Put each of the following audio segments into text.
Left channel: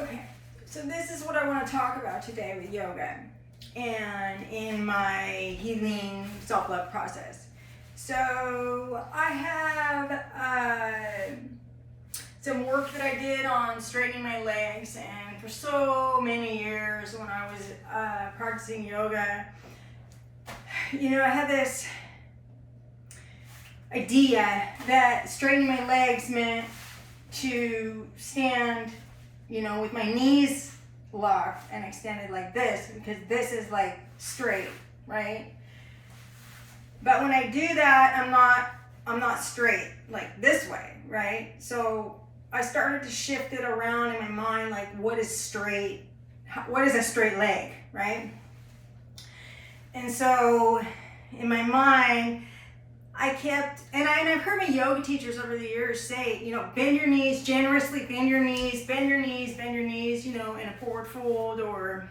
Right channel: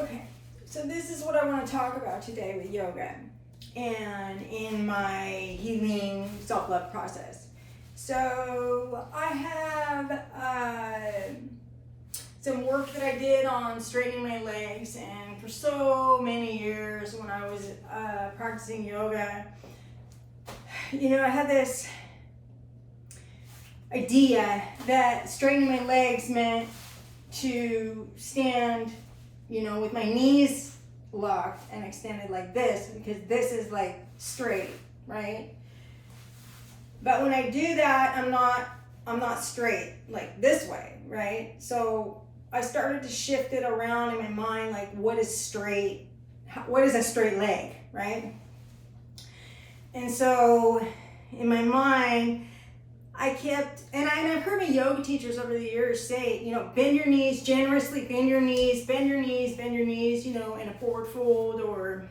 Okay, so this is what I want to talk about today with yoga and in my healing self-love process. So I have some work that I did on straightening my legs, and for so many years when I was practicing yoga, you know, I had this idea that straightening my legs meant to stand, you know, with my knees locked and extended like this, because this is like straight, right? But when I do that, I'm not straight like this way, right? So I started to shift it around in my mind, like what is straight? What is a straight leg, right? And so in my mind, I kept, and I've heard my yoga teachers over the years say, you know, bend your knees, generously bend your knees, bend your knees, bend your knees, you know, in a forward fold, or,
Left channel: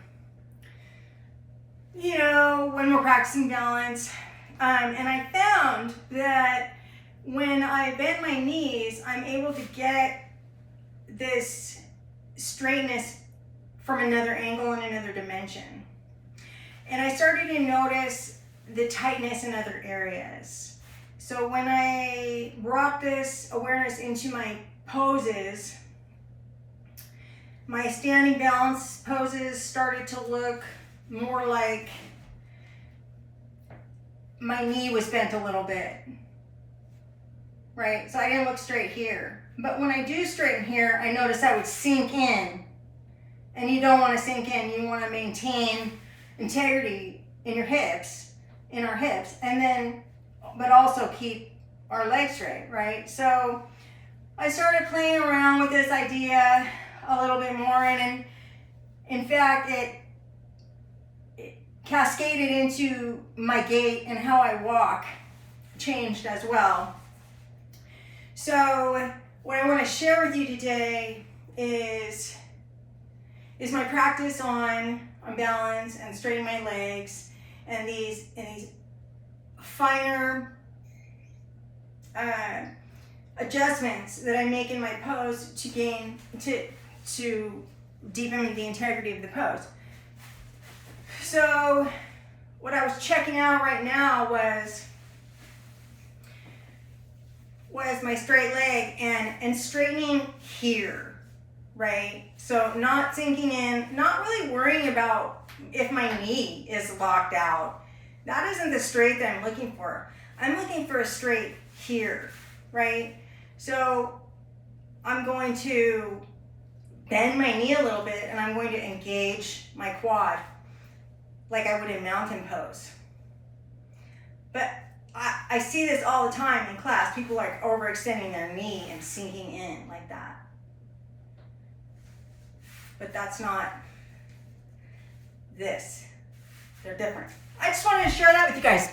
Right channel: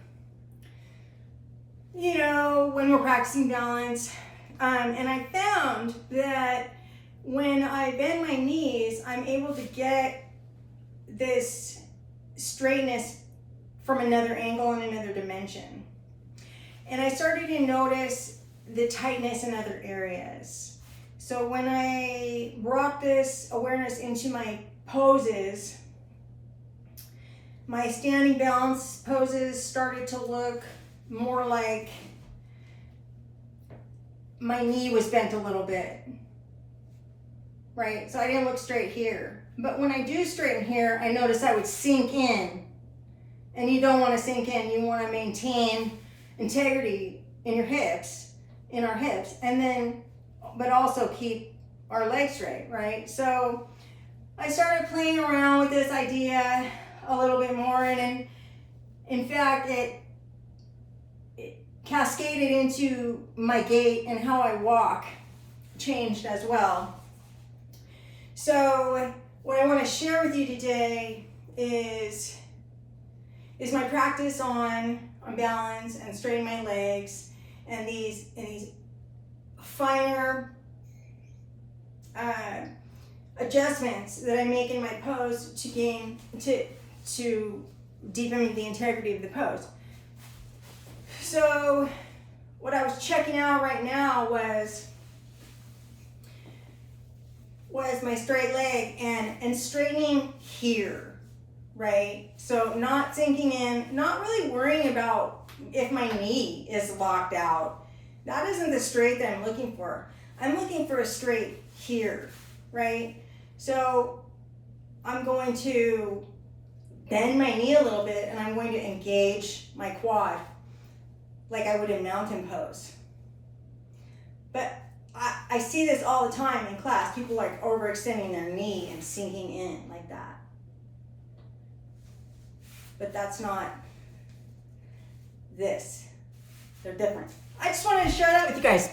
you know, when we're practicing balance. And I found that when I bend my knees, I'm able to get this straightness from another angle and another dimension. And I started to notice the tightness in other areas. So when I brought this awareness into my poses, my standing balance poses started to look more like my knee was bent a little bit, right? So I didn't look straight here. But when I do straighten here, I notice I would sink in. And you don't want to sink in. You want to maintain integrity in your hips, in our hips, and then, but also keep our legs straight, right? So I started playing around with this idea a little bit more, and in fact, it cascaded into my gait, and how I walk changed as well. So what I want to share with you today is my practice on balance and straightening my legs, and these finer adjustments that I make in my pose to deepen the integrity of the pose. So what I was checking out right now was my straight leg and straightening here, right? So not sinking in, not really worrying about if my knee is locked out. That isn't the straight that I'm looking for. I'm looking for a straight here, right? So I'm going to bend my knee a little bit, and I'm going to engage my quad like I would in mountain pose. But I see this all the time in class. People like overextending their knee and sinking in like that. But that's not this. They're different. I just wanted to share that with you guys.